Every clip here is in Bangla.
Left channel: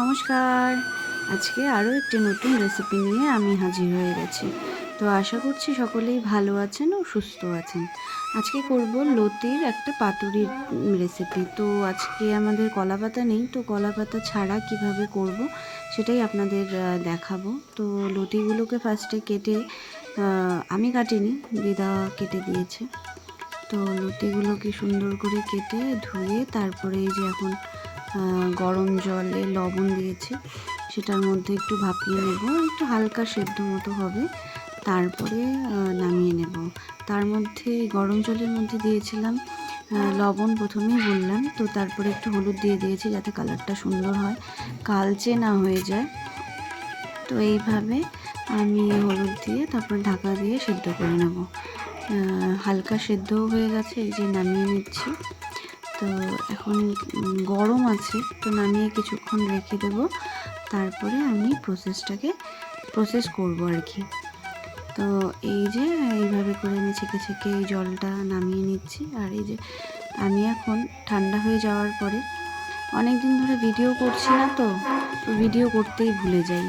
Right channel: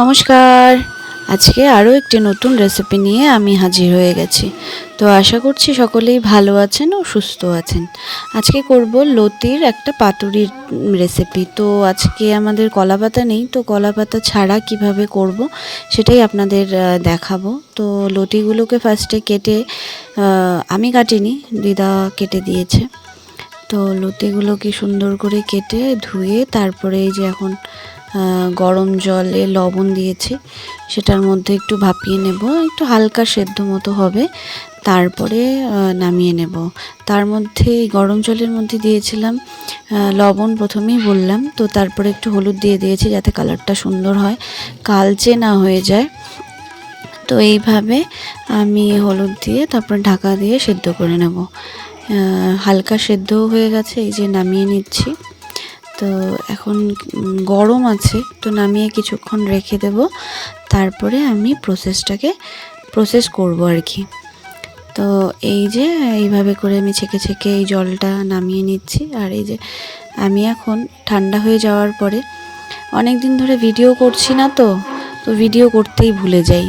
নমস্কার। আজকে আরও একটি নতুন রেসিপি নিয়ে আমি হাজির হয়ে গেছি। তো আশা করছি সকলেই ভালো আছেন ও সুস্থ আছেন। আজকে করব লতির একটা পাতুরির রেসিপি তো আজকে আমাদের কলা পাতা নেই, তো কলা পাতা ছাড়া কীভাবে করব সেটাই আপনাদের দেখাবো। তো লতিগুলোকে ফার্স্টে কেটে আমি কাটিনি, দিদা কেটে দিয়েছে। তো লতিগুলোকে সুন্দর করে কেটে ধুয়ে তারপরে এই যে এখন গরম জলে লবণ দিয়েছি। সেটার মধ্যে একটু ভাপিয়ে নেব। একটু হালকা সেদ্ধ মতো হবে। তারপরে নামিয়ে নেব। তার মধ্যে গরম জলের মধ্যে দিয়েছিলাম লবণ প্রথমেই বললাম। তো তারপরে একটু হলুদ দিয়ে দিয়েছি যাতে কালারটা সুন্দর হয়, কালচে না হয়ে যায়। তো এইভাবে আমি হলুদ দিয়ে তারপর ঢাকা দিয়ে সেদ্ধ করে নেব। হালকা সেদ্ধ হয়ে গেছে, এই যে নামিয়ে নিচ্ছি। তো এখন গরম আছে, তো নামিয়ে কিছুক্ষণ রেখে দেব। তারপরে আমি প্রসেসটাকে প্রসেস করব আর কি। তো এই যে, এইভাবে করে আমি ছেঁকে ছেঁকে এই জলটা নামিয়ে নিচ্ছি। আর এই যে, আমি এখন ঠান্ডা হয়ে যাওয়ার পরে অনেক দিন ধরে ভিডিও করছি না তো তো ভিডিও করতেই ভুলে যাই।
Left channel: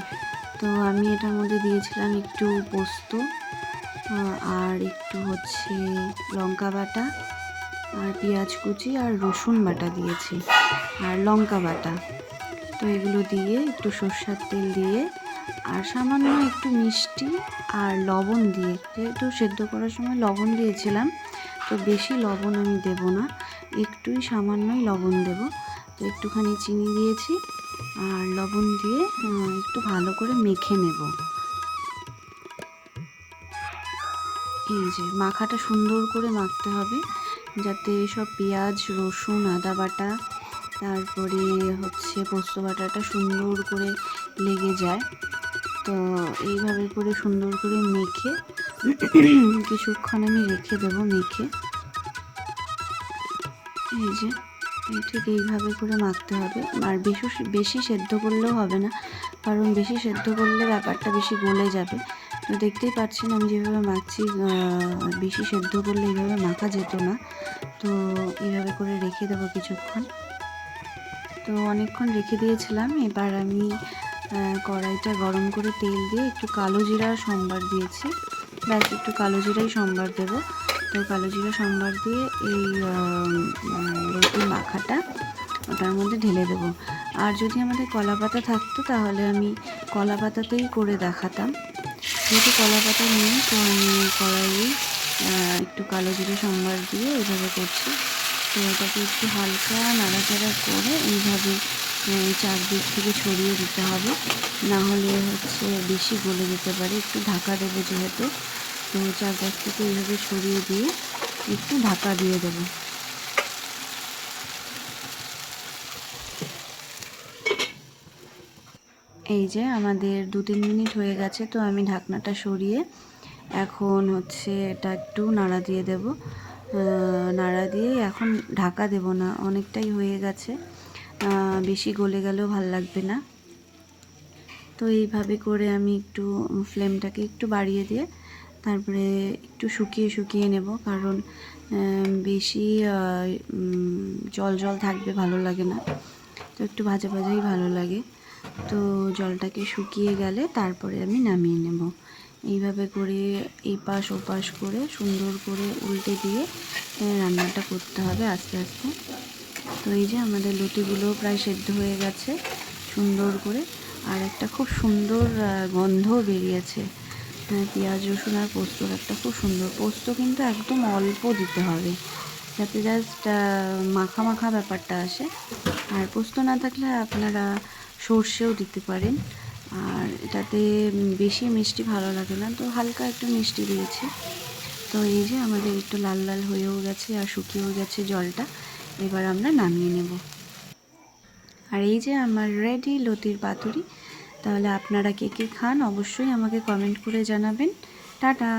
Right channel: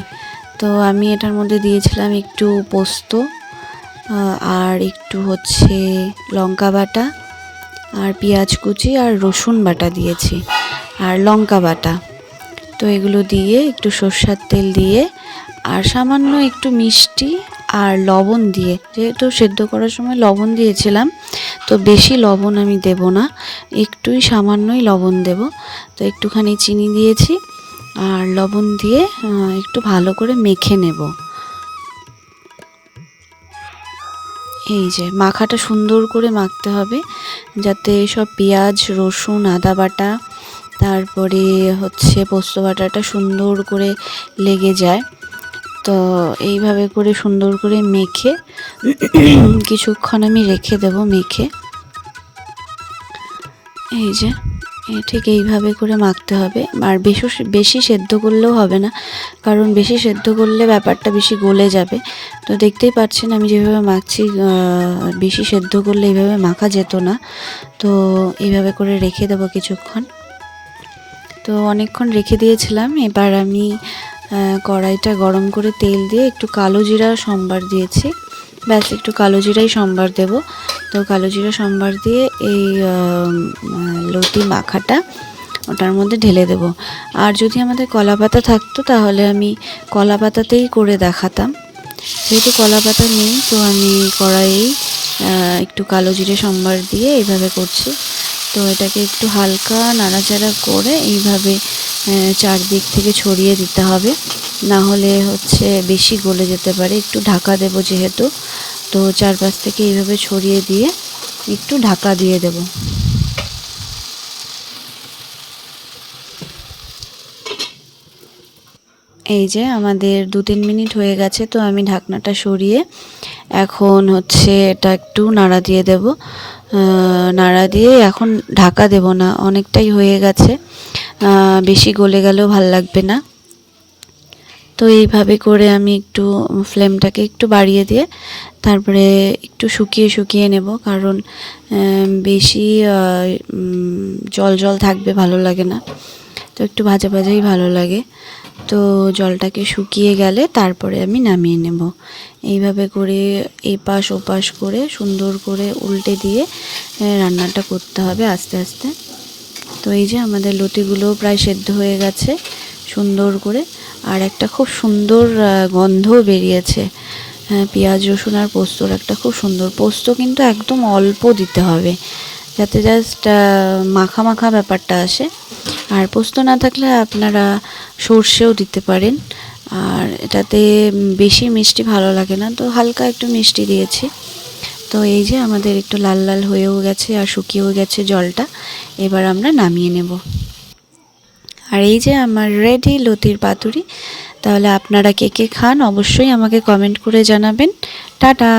তো আমি এটার মধ্যে দিয়েছিলাম একটু পোস্ত আর একটু হচ্ছে লঙ্কা বাটা। আর পেঁয়াজ কুচি আর রসুন বাটা দিয়েছি আর লঙ্কা বাটা। তো এগুলো দিয়ে একটু সর্ষার তেল দিয়ে আর সামান্য একটু মিষ্টি আর লবণ দিয়ে। যেহেতু সেদ্ধ করার সময় লবণ দিয়েছিলাম, তো বেশি লবণ আমি দেব না, একটুই সামান্যই লবণ দেব। তো একটুখানি চিনি দিয়েছি আর লবণ দিয়ে একটু ভালো করে মেখে নেব। এই যে মাখাটা সুন্দর করে মাখতে হবে, যাতে সব পেঁয়াজ, রসুন, আদা বাটা, তারপরে হচ্ছে পোস্ত বাটাটা সুন্দর করে লেগে যায়। তো এইভাবে করে সুন্দর করে মেখে কিছুক্ষণ আমি রেখে দেব, মেখে। এই যে ঠিক এইভাবে করে মাখতে হবে। আর বেশি বেশি সেদ্ধ করলেও হবে না, কারণ বেশি সেদ্ধ করলে ব্যাপারটা বেশি গলে যাবে। তো দেখতেই পাচ্ছেন, আমি যেভাবে মাখছি বেশি সেদ্ধ করলে এইভাবে মাখা যেত না। তো এইভাবে করে রেখে দেবো কিছুক্ষণ। তো অনেকক্ষণ রেখে দিয়েছিলাম, এবার আমি কড়াইটা গরম করে তেল দিয়ে একটু কালো জিরা সম্বার দিয়েছি। ব্যাস, একটু কালো জিরাই সম্বার দেব। তো কালো জিরা সম্বার দিয়ে এই লতি মাখাটা ওটার মধ্যে ঢেলে দেব। আর যদি আমাদের কলা পাতা থাকতো তাহলে আমি কলা পাতাতেই করে দেখাতাম। যেহেতু কলা পাতা নেই, তো আমি কড়াইয়ে একটু কালো জিরে সম্বার দিয়ে এইভাবে করছি। তো এটাকে একটু হালকা নাড়াচাড়া করে এইভাবে চারদিক থেকে ছড়িয়ে দিতে হবে। না হলে হচ্ছে বেশি গলে যেতে পারে। একটু ঢাকা দেব যেহেতু। তো চারপাশ থেকে এইভাবে ছড়িয়ে দিয়ে একটু ঢাকা দিয়ে দেব। এই যে আমাদের দু তিন মিনিট হয়ে গেছে, তো আমি ঢাকনাটা সরিয়ে এখন হচ্ছে এটা একটু নাড়া দিয়ে দেব। নাড়া দিয়ে এখন ঢাকা দেব না, অনেকটাই হয়ে গেছে। বেশি গলে গেলেও ভালো লাগবে না। তো এইভাবে করে আমি একটু ফ্লেমটাকে একটু বাড়িয়ে দিয়ে তারপরে একটু শুকিয়ে শুকিয়ে নেব কারণ বেশি জল জল থাকবে ভালো লাগে না। তো একটু ভাজা ভাজাই ভালো লাগে। তো জলটাকে শুকিয়ে গেলে তারপরে আমি নামিয়ে নেব। এইভাবে করে এপাশ ওপাশ করে সুন্দর করে উল্টে দিয়ে রান্নাটা করতে হবে আস্তে আস্তে। তো এই যে আমাদের লতিগুলো প্রায় সেদ্ধ হয়ে গেছে, সুন্দর করে। আর একটা খুব সুন্দর গন্ধ বেরিয়েছে। হ্যাঁ পেঁয়াজ, রসুন আর পোস্তর একটা খুব সুন্দর। পোস্ত কিন্তু একদম অল্প দিতে হবে, যাতে জাস্ট মাখা মাখা ব্যাপারটা আসে। আর পোস্ত না থাকলে আপনারা সর্ষেও দিতে পারেন। আর এটাতে বেশি মিষ্টি ভালো লাগে না। তো হালকা একটু মিষ্টি দিয়েছি। তো এই যে আমাদের একটু লাল লাল হয়েও গেছে আর শুকিয়েও গেছে জলটা, এবার আমরা নামিয়ে নেব। আর এই যে আমার রেডি লতির পাতুরি, তাহলে আপনারা কে কে খান অবশ্যই আমাকে কমেন্ট করে জানাবেন। টাটা!